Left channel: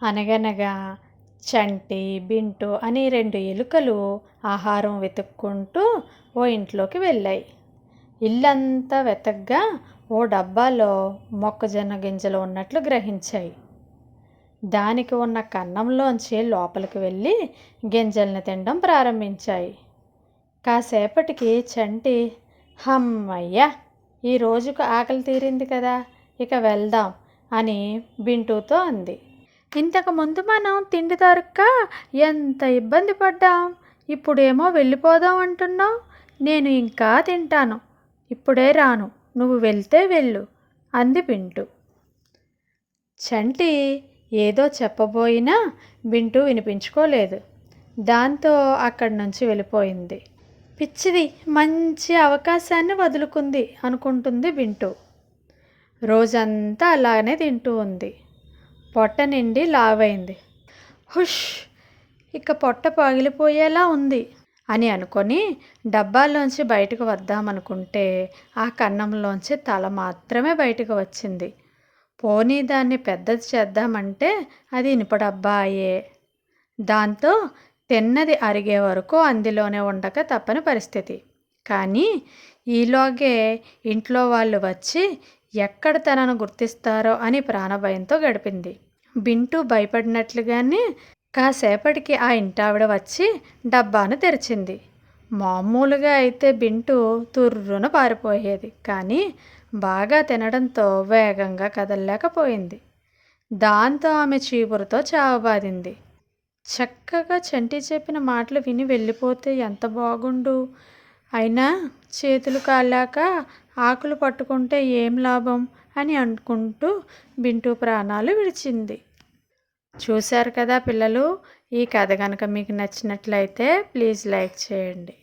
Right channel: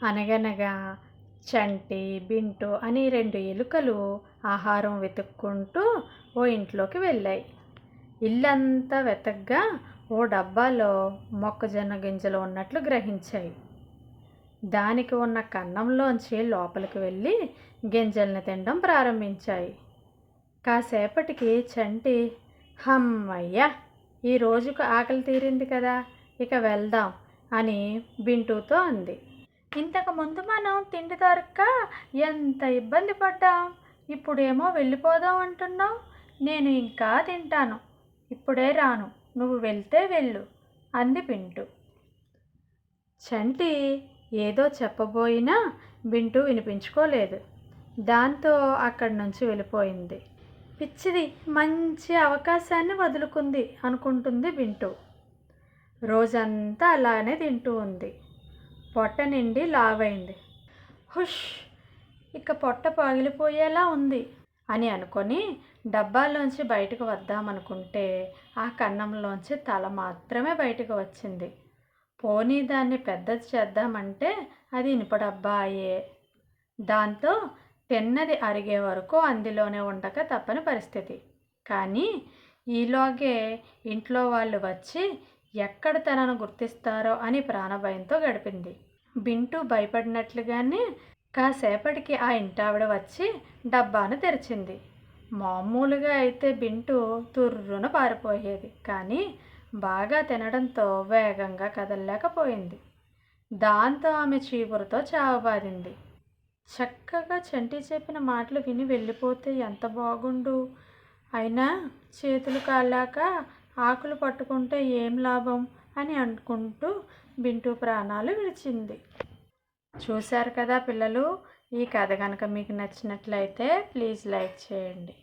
అనగనగా చంటి, బింటు అని 2 ఎలుకలు ఆహారం వెతుక్కుంటూ ఓ ఇంట్లోకి వెళ్ళాయి. ఇల్లంతా వెతగ్గా ఓ డబ్బాలో మొక్కజొన్న గింజలు ఉన్నట్లు గ్రహించాయి. దానికి ఉన్న కన్నంలోంచి లోపలికి వెళ్ళి గింజల్ని తినడం ప్రారంభించాయి. కాసేపటికి చంటి, హమ్మయ్య, ఈ రోజుకు ఆకలి తీరింది కదా, ఇక వెళ్దాం అని బింటుతో అంది. ఇంతకుముందు మనం తిండి దొరక్క ఎంత ఇబ్బంది పడ్డాం, ఇప్పుడేమో వెళ్ళిపోదాం అంటున్నావు. నేను ఇంకా తింటాను, ఇప్పుడే రాను, నువ్వు వెళ్తే వెళ్ళు అంది బింటు. చంటి ఏదో చెప్పబోయినా బింటు వినిపించుకోలేదు. దాంతో అక్కడి నుంచి వెళ్ళిపోయింది. పిచ్చిది, మంచి అవకాశాన్ని వదులుకుంది అనుకుంటుంది బింటు. రోజంతా అలానే తింటూ ఉంది. పొట్ట నిండి లావైంది. హుష్, ఇక పొట్ట పగిలిపోయేలా ఉంది అని అనుకొని డబ్బాలోంచి బయటకు వద్దామనుకుంటే ఆ కన్నంలోంచి తల మాత్రమే బయటకు వచ్చింది. పోనీ దాన్ని పెద్దది చేద్దామంటే అది ఇనుప డబ్బా అయ్యే. దాంతో తిన్నది అరిగే వరకు అందులోనే ఉండక తప్పని పరిస్థితి. కానీ ఈలోగే ఇంట్లో వాళ్ళు వచ్చి ఎక్కడ తనను గుర్తిస్తారో అని ప్రాణభయంతో గడిపింది. బింటు భయపడినట్లుగానే కాసేపటికి ఆ ఇంటావిడ వచ్చి డబ్బాను తెరిచింది. మామూలుగా అయితే బింటు తుర్రున పారిపోయేది, కానీ బాగా తినడంతో వేగంగా కదలలేకపోయింది. దాంతో ఆమె చీపురుతో చావబాదింది. చక్కగా చంటి చెప్పిన మాటలు విని వెళ్ళిపోతే ఎంత బాగుండు. అయినా చేతులు కాలాక ఆకులు పట్టుకుంటే ఏం లాభం అని అనుకుంటూ బింటు ప్రాణాలు విడిచింది. చూశారు కదా పిల్లలు, ఈ కథ కనుక మీకు నచ్చినట్లయితే ప్లీజ్ లైక్ చేయండి.